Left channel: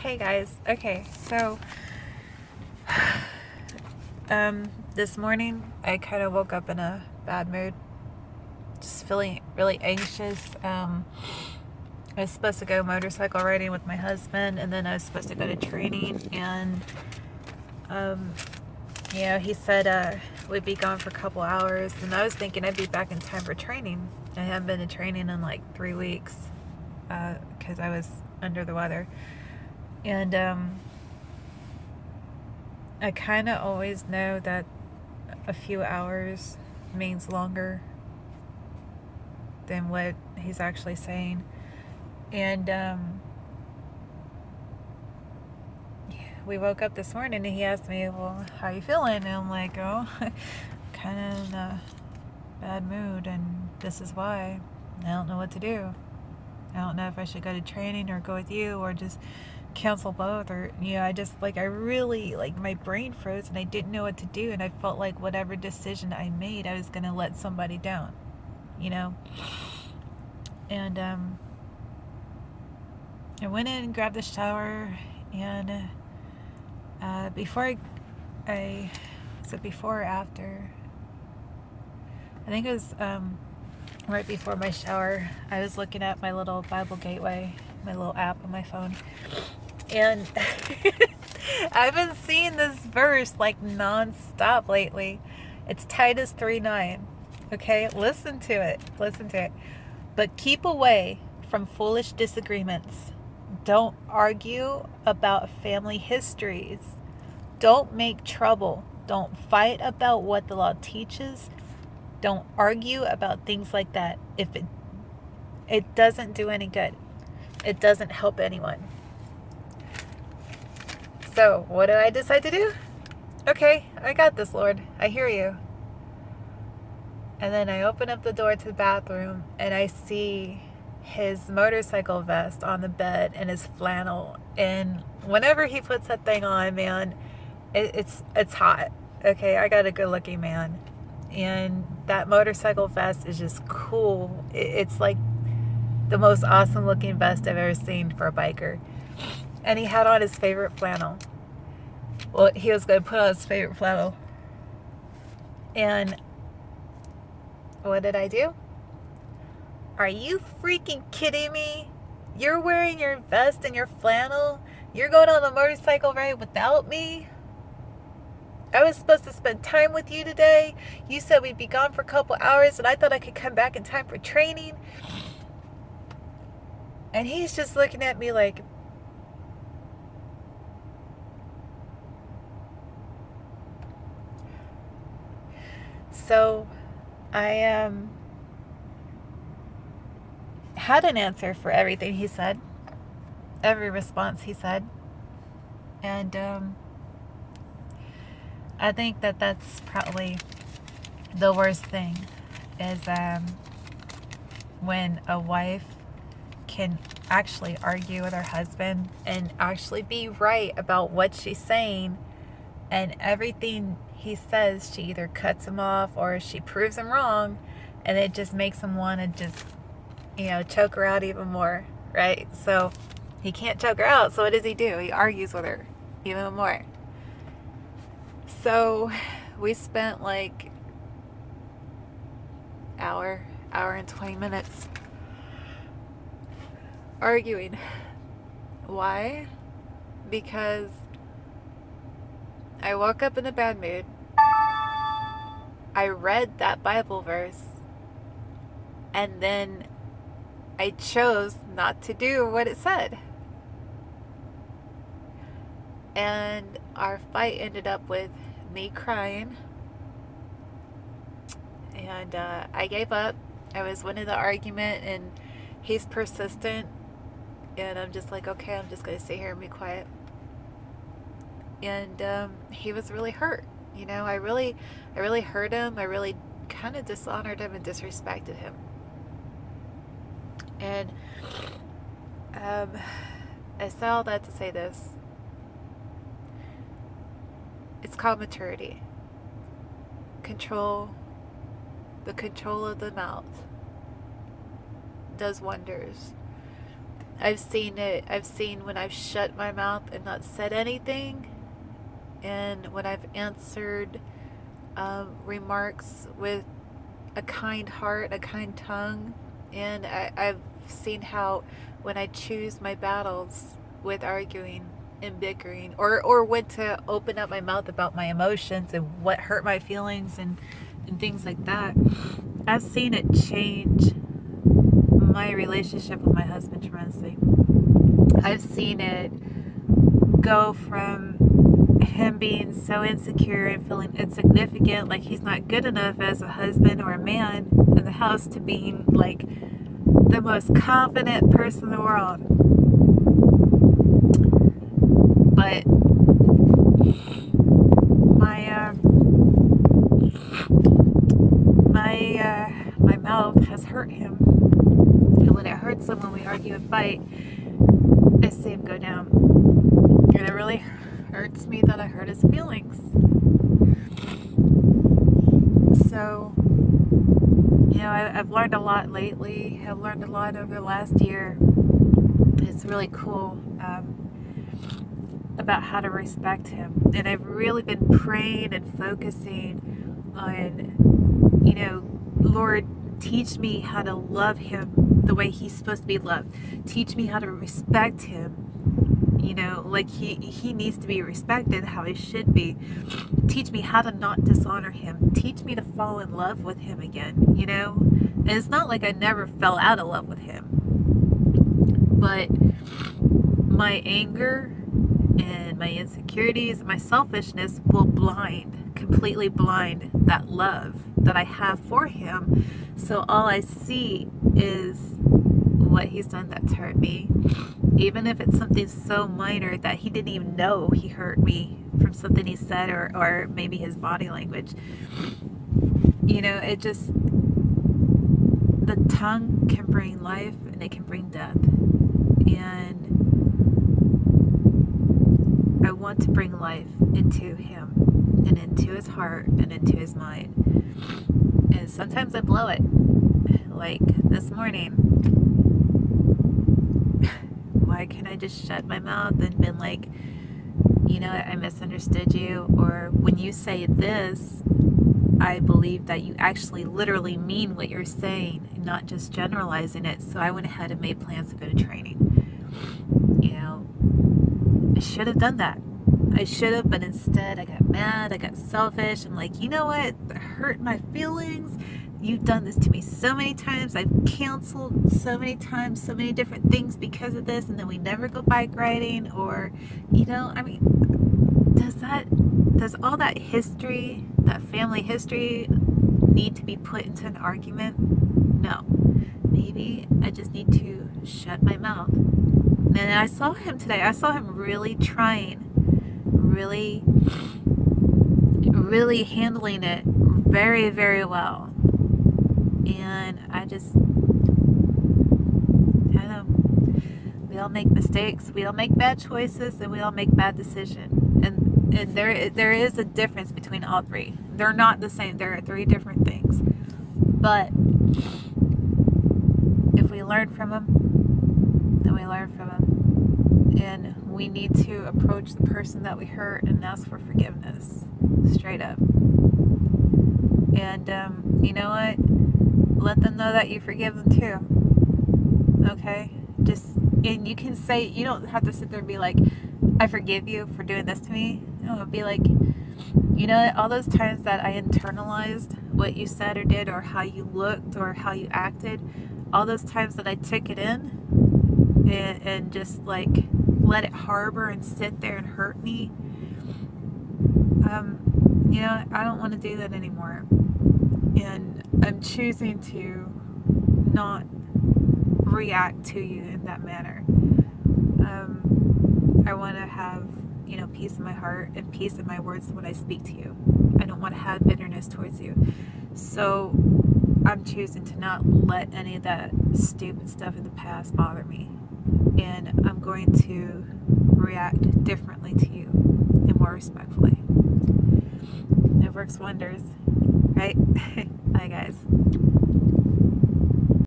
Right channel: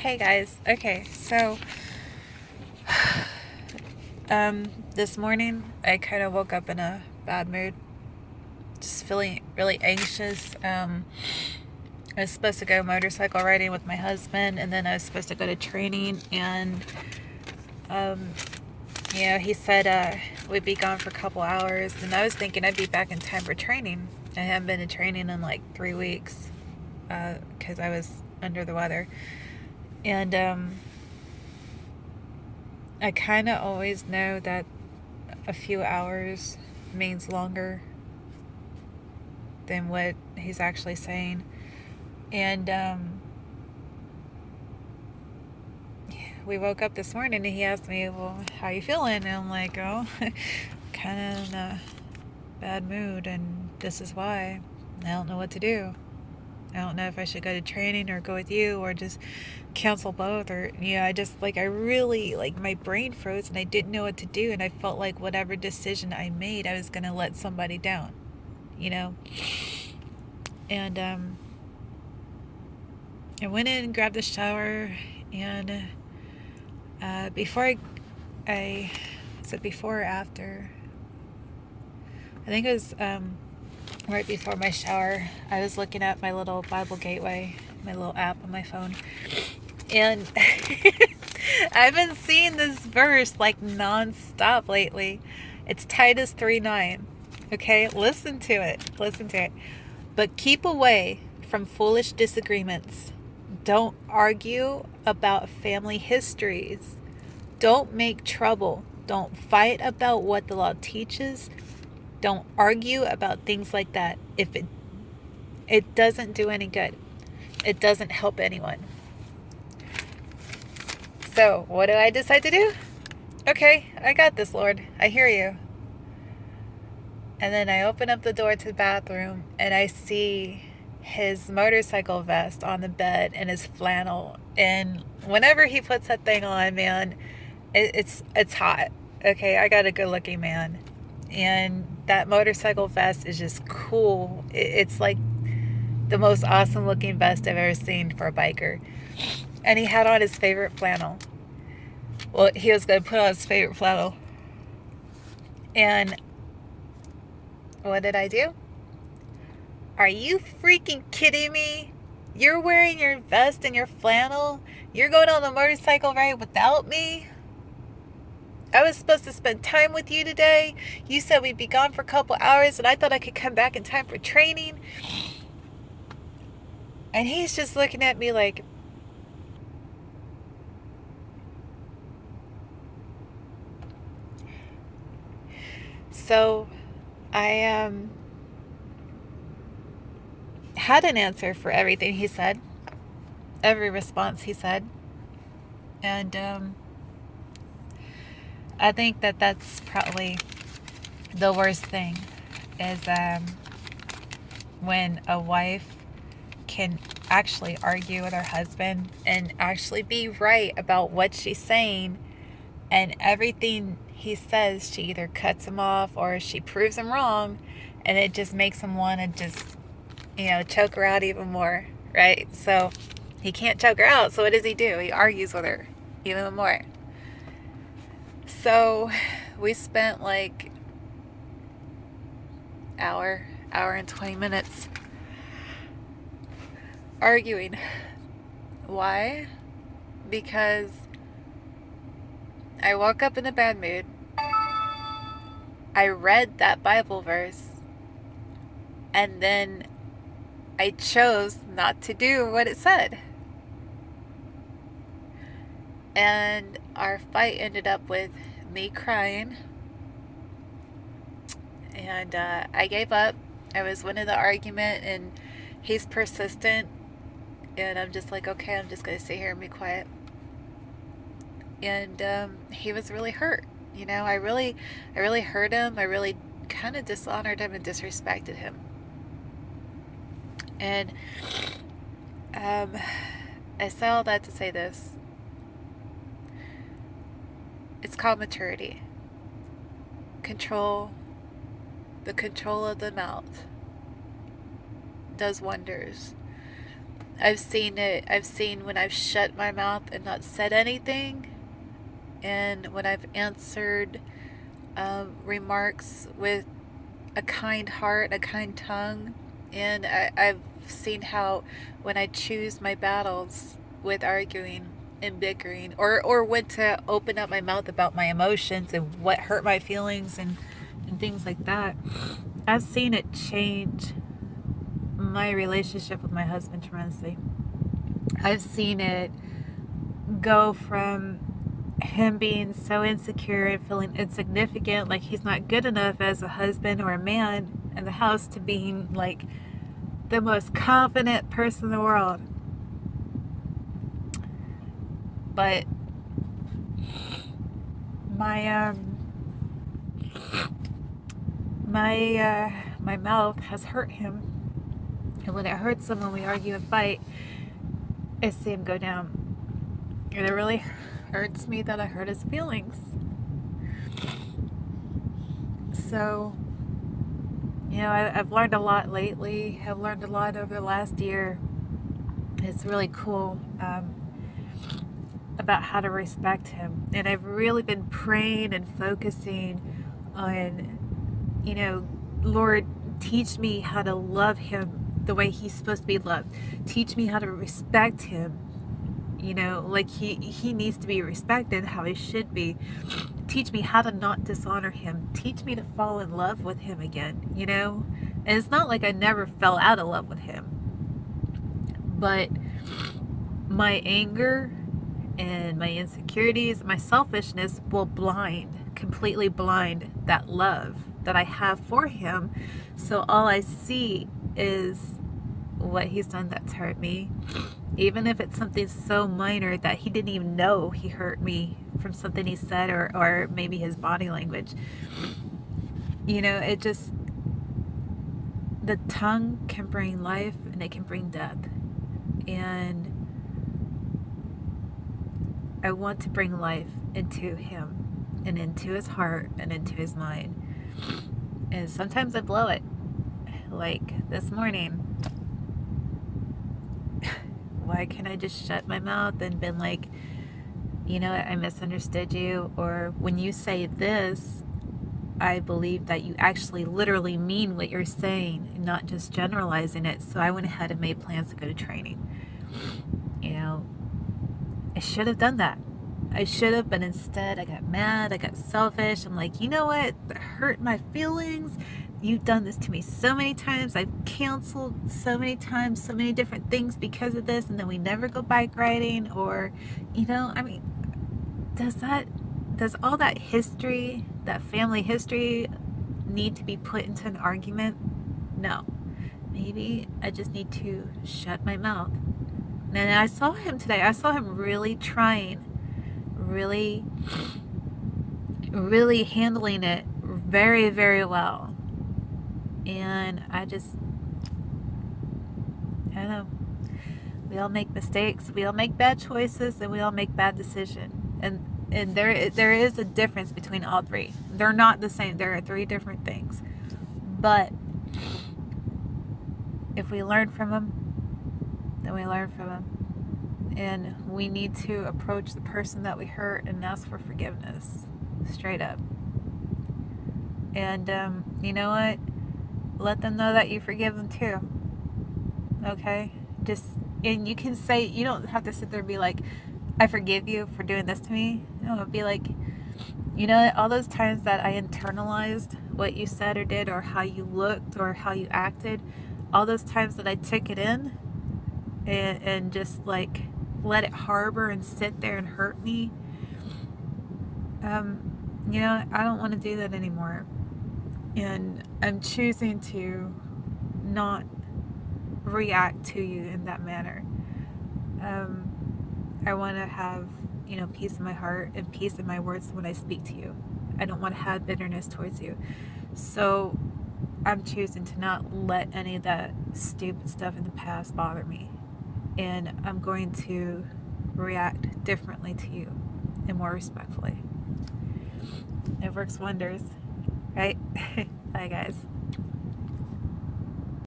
Hey guys. Okay, so this morning I kind of woke up in a bad mood, just feeling really anxious. I was supposed to go motorcycle riding with my husband, and then I was supposed to go to training, and um, he said we'd be gone for a couple hours, and I was thinking I'd be back in time for training. I haven't been to training in like 3 weeks because I was under the weather, and I kind of always know that a few hours means longer than what he's actually saying. And we woke up this morning and he asked me, well, how you feeling? And I'm like, oh, kind of in a bad mood, and this is why. I don't know what to do. I don't know if I should go to training or go with you or just cancel both, or I really, like, my brain froze and I didn't know what to do, and I felt like whatever decision I made, I was going to let somebody down, you know. And I went in and grabbed a shower, and before I was it before or after? I think it was right before my shower. I was looking at my little Bible Gateway, my little app on my phone, and I've been seeing this verse like nonstop lately. It's Titus 3:9. Okay, listen to it. Listen to it. But keep away from foolish disagreements. Don't argue about family histories. Don't make trouble. Don't fight about what the law teaches. Don't argue about things like that. If it doesn't do any good. It doesn't help anyone. So, what do I decide to do? Okay, I got this, Lord. I hear you. And then I open up the door to the bathroom and I see his motorcycle vest on the bed and his flannel. And whenever he puts that thing on, man, it's hot. Okay, I got a good looking man. And that motorcycle vest is just cool. It's like the most awesome looking vest I've ever seen for a biker. And he had on his favorite flannel. Well, he was going to put on his favorite flannel. And what did I do? Are you freaking kidding me? You're wearing your vest and your flannel? You're going on a motorcycle ride without me? I was supposed to spend time with you today. You said we'd be gone for a couple hours, and I thought I could come back in time for training. And he's just looking at me like, so I had an answer for everything he said, every response he said. And I think that that's probably the worst thing, is when a wife can actually argue with her husband and actually be right about what she's saying, and everything he says, she either cuts him off or she proves him wrong, and it just makes him want to just, choke her out even more, right? So he can't choke her out, so what does he do? He argues with her even more. So we spent like hour and 20 minutes arguing. Why? Because I woke up in a bad mood. I read that Bible verse, and then I chose not to do what it said. And our fight ended up with me crying, and I gave up. I was winning the argument, and he's persistent, and I'm just like, okay, I'm just going to sit here and be quiet. And he was really hurt. I really hurt him. I really kind of dishonored him and disrespected him. And I say all that to say this. It's called maturity. The control of the mouth does wonders. I've seen it. I've seen when I've shut my mouth and not said anything, and when I've answered remarks with a kind heart, a kind tongue. And I've seen how when I choose my battles with arguing and bickering, or when to open up my mouth about my emotions and what hurt my feelings and things like that, I've seen it change my relationship with my husband tremendously. I've seen it go from him being so insecure and feeling insignificant, like he's not good enough as a husband or a man in the house, to being like the most confident person in the world. But my mouth has hurt him, and when it hurts him, when we argue and fight, I see him go down, and it really hurts me that I hurt his feelings. So, I've learned a lot lately. I've learned a lot over the last year. It's really cool about how to respect him. And I've really been praying and focusing on, Lord, teach me how to love him the way he's supposed to be loved. Teach me how to respect him. Like he needs to be respected how he should be. Teach me how to not dishonor him. Teach me to fall in love with him again, And it's not like I never fell out of love with him. But my anger and my insecurities, my selfishness will completely blind that love that I have for him. So all I see is what he's done that's hurt me. Even if it's something so minor that he didn't even know he hurt me from something he said, or maybe his body language. It just, the tongue can bring life and it can bring death. And I want to bring life into him and into his heart and into his mind. And sometimes I blow it. Like this morning, why can't I just shut my mouth and been like, I misunderstood you, or when you say this, I believe that you actually literally mean what you're saying and not just generalizing it. So I went ahead and made plans to go to training. I should have done that. I should have, but instead I got mad, I got selfish. I'm like, you know what? That hurt my feelings. You've done this to me so many times. I've canceled so many times, so many different things because of this, and then we never go bike riding, or, does all that history, that family history, need to be put into an argument? No. Maybe I just need to shut my mouth. And I saw him today. I saw him really trying, really, really handling it very, very well. And I don't know. We all make mistakes. We all make bad choices, and we all make bad decisions. And there is a difference between all three. They're not the same. There are three different things. But if we learn from them, then we learn from them. And we need to approach the person that we hurt and ask for forgiveness. Straight up. And you know what? Let them know that you forgive them too. Okay? And you can say, you don't have to sit there and be like, I forgive you for doing this to me. No, be like, all those times that I internalized what you said or did, or how you looked, or how you acted, all those times that I took it in and just like let it harbor and sit there and hurt me, I don't want to do that anymore. And I'm choosing to not react to you in that manner. I want to have, peace in my heart and peace in my words when I speak to you. I don't want to have bitterness towards you. So I'm choosing to not let any of that stupid stuff in the past bother me. And I'm going to react differently to you and more respectfully. It works wonders, right? Bye, guys.